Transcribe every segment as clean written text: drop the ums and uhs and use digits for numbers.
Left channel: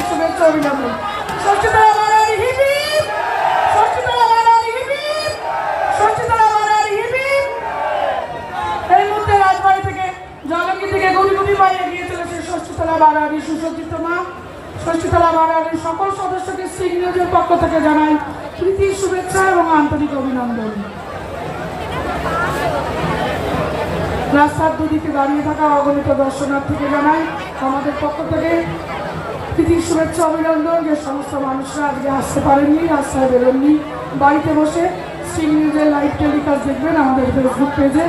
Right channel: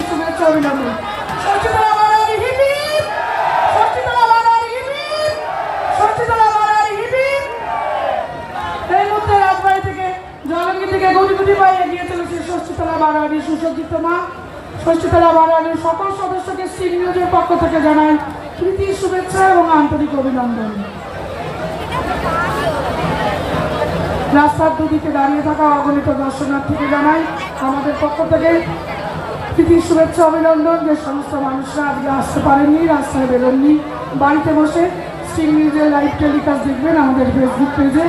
প্রীতি শুভেচ্ছা অভিনন্দন। Shashthitala Barowari hip hip, Shashthitala Barowari hip hip, Shashthitala Barowari hip hip. এই মুহূর্তে রাজবাড়ি থেকে জলঙ্গি থেকে গুটি গুটি পায়ে এগিয়ে চলেছে ষষ্ঠীতলা বাড়ারি সুসজ্জিত মা। ষষ্ঠীতলা বাড়ারির সকল সদস্যকে শ্রী নিয়োগের পক্ষ থেকে জানাই প্রীতি শুভেচ্ছা এবং আন্তরিক অভিনন্দন। রাস্তার দুদিকে দাঁড়িয়ে থাকা অগণিত দর্শনার্থীকে জানাই আমাদের পক্ষ থেকে প্রীতি শুভেচ্ছা অভিনন্দন। যে সমস্ত মানুষরা আজকে আসতে পারেননি, রাস্তায় বেরোননি, বাড়িতে বসে শ্রী নিউজের লাইভ টেলিকাস্ট দেখবেন আমাদের ফেসবুক পেজে,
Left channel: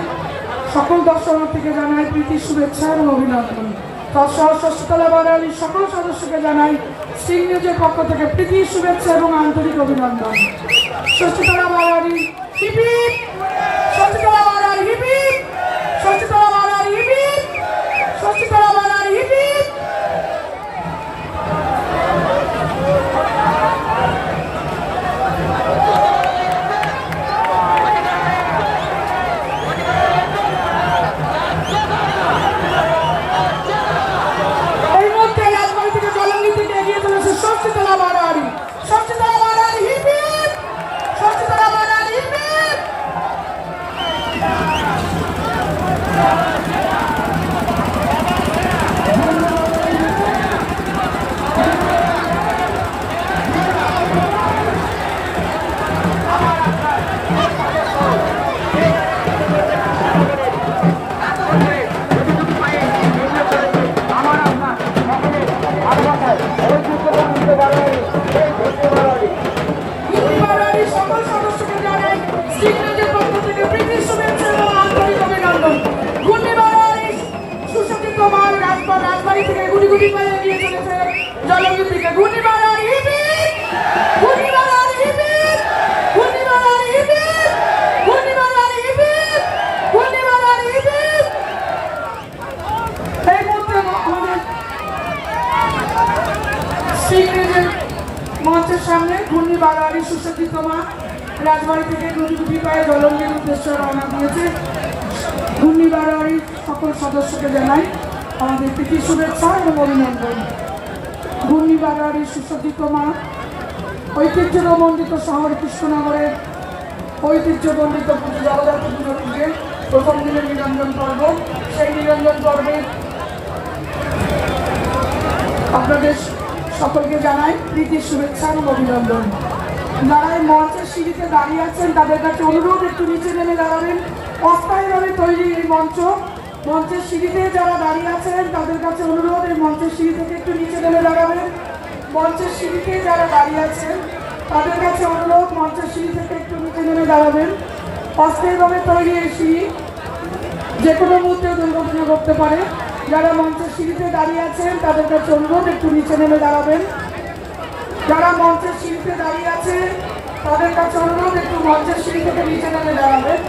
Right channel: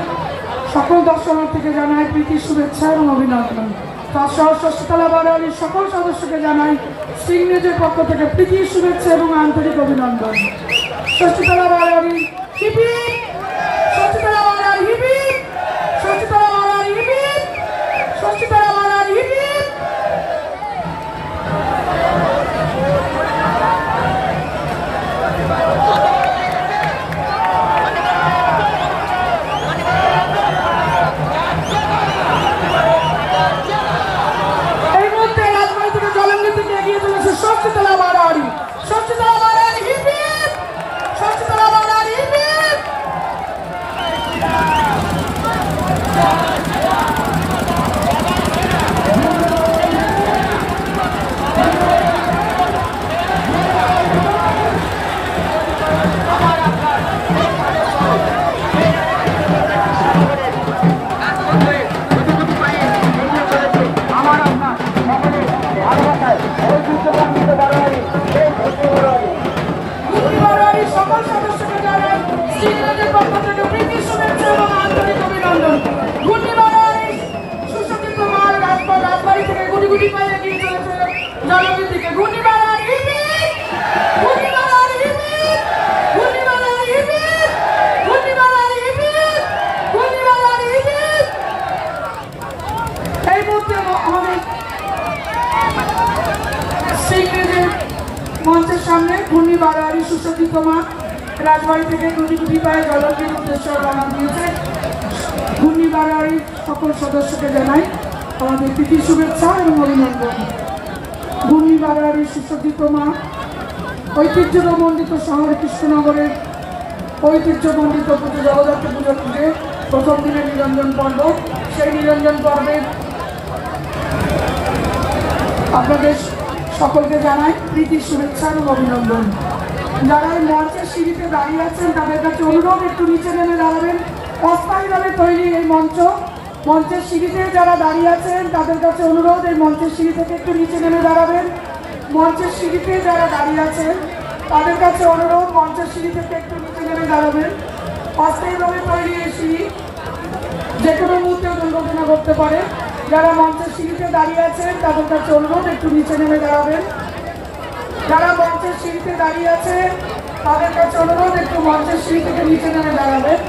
সকল দর্শনার্থীকে জানাই প্রীতি শুভেচ্ছা এবং অভিনন্দন। তাছাড়াও ষষ্ঠীতলা বাড়ারির সকল সদস্যকে জানাই শ্রী নিউজের পক্ষ থেকে প্রীতি শুভেচ্ছা এবং আন্তরিক অভিনন্দন। Shashthitala Barowari hip hip, Shashthitala Barowari hip hip, Shashthitala Barowari hip hip, Shashthitala Barowari hip hip. এই মুহূর্তে রাজবাড়ি থেকে জলঙ্গি থেকে এগিয়ে চলেছে Shashthitala Barowari, Shashthitala Barowari hip hip, Shashthitala Barowari hip hip. সকল সদস্যকে জানাই শ্রী নিউজের পক্ষ থেকে প্রীতি শুভেচ্ছা এবং আন্তরিক অভিনন্দন। ঘূর্ণিবাড়ি সুসজ্জিত মার রাজবাড়ি থেকে গুটি গুটি পায়ে এগিয়ে চলেছে জলঙ্গির দিকে। Ghurnibari hip hip, Ghurnibari hip hip, Ghurnibari hip hip, Ghurnibari hip hip, Ghurnibari hip hip. এই মুহূর্তে আমাদের শ্রী নিউজের মঞ্চের সামনে ঘূর্ণিবাড়ি সুসজ্জিত মা রাজবাড়ি থেকে গুটি গুটি পায়ে জলঙ্গির উদ্দেশ্যে রওনা দিয়েছে। ঘূর্ণিবাড়ির সকল সদস্যকে জানাই আমাদের প্রীতি শুভেচ্ছা এবং অভিনন্দন। ঘূর্ণিবাড়ি সুসজ্জিত মা ঐতিহ্যমণ্ডিত শহর কৃষ্ণনগরের ঐতিহ্যমণ্ডিত পুজো জগদ্ধাত্রী পুজো থেকে প্রথম দিনের নিরঞ্জন পর্ব। সেই নিরঞ্জন পর্বে আপনাদের সকলকে জানাই প্রীতি শুভেচ্ছা এবং অভিনন্দন। যারা এই মঞ্চের সিঁড়িতে দাঁড়িয়ে আছেন তাদের কাছে অনুরোধ একটু নিচে নেমে দাঁড়াবেন। অস্থায়ীভাবে তৈরি এই মঞ্চের সিঁড়িতে যারা দাঁড়িয়ে আছেন তাদের কাছে অনুরোধ এই মঞ্চের সিঁড়ি থেকে একটু নিচে নেমে দাঁড়াবেন। মঞ্চের সিঁড়িতে যারা দাঁড়িয়ে আছেন তাদের কাছে অনুরোধ মঞ্চের সিঁড়ি থেকে একটু নিচে নেমে দাঁড়াবেন। অস্থায়ীভাবে তৈরি এই সিঁড়ি যে কোনো মুহূর্তে দুর্ঘটনা ঘটতে পারে। যারা মঞ্চের সিঁড়িতে দাঁড়িয়ে আছেন তাদের কাছে অনুরোধ একটু নিচে নেমে দাঁড়াবেন। যারা মঞ্চের সিঁড়িতে দাঁড়িয়ে আছেন তাদের কাছে অনুরোধ একটু মঞ্চের সিঁড়ি থেকে নিচে নেমে দাঁড়াবেন।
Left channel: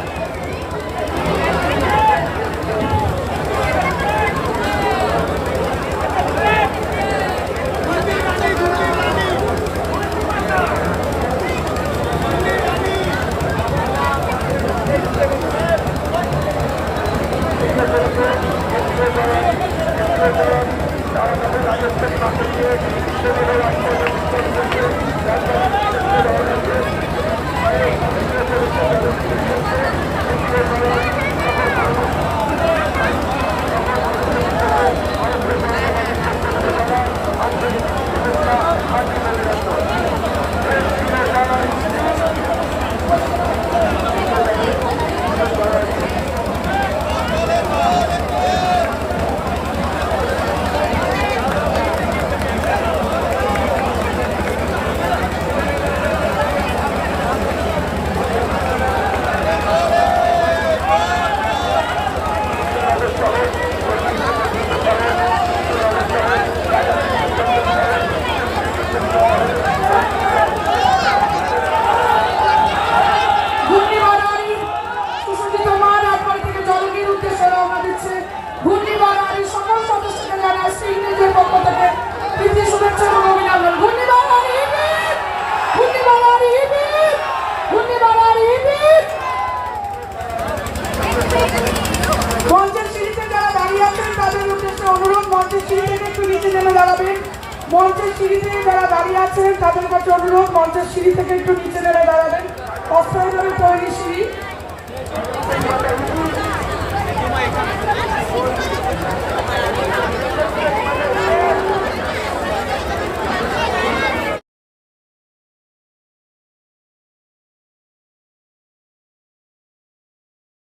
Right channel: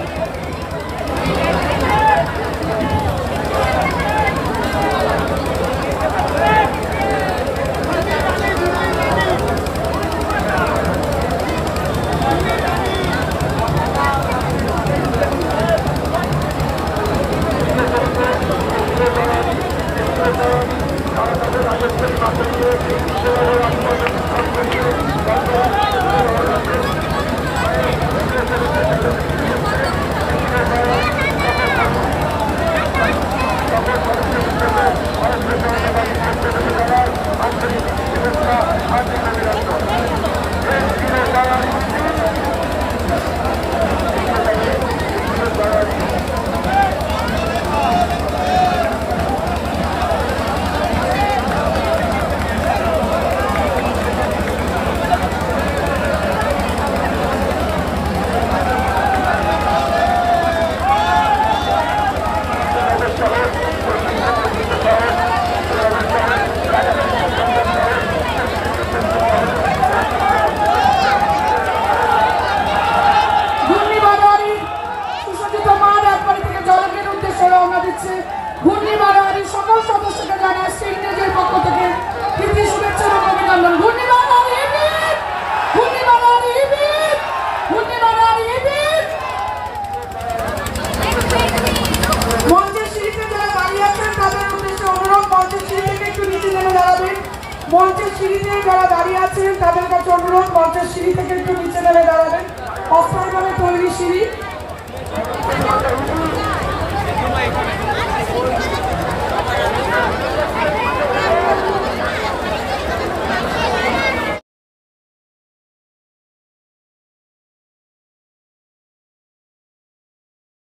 সিঁড়িতে যারা দাঁড়িয়ে আছেন তাদের কাছে অনুরোধ মঞ্চের সিঁড়ি থেকে একটু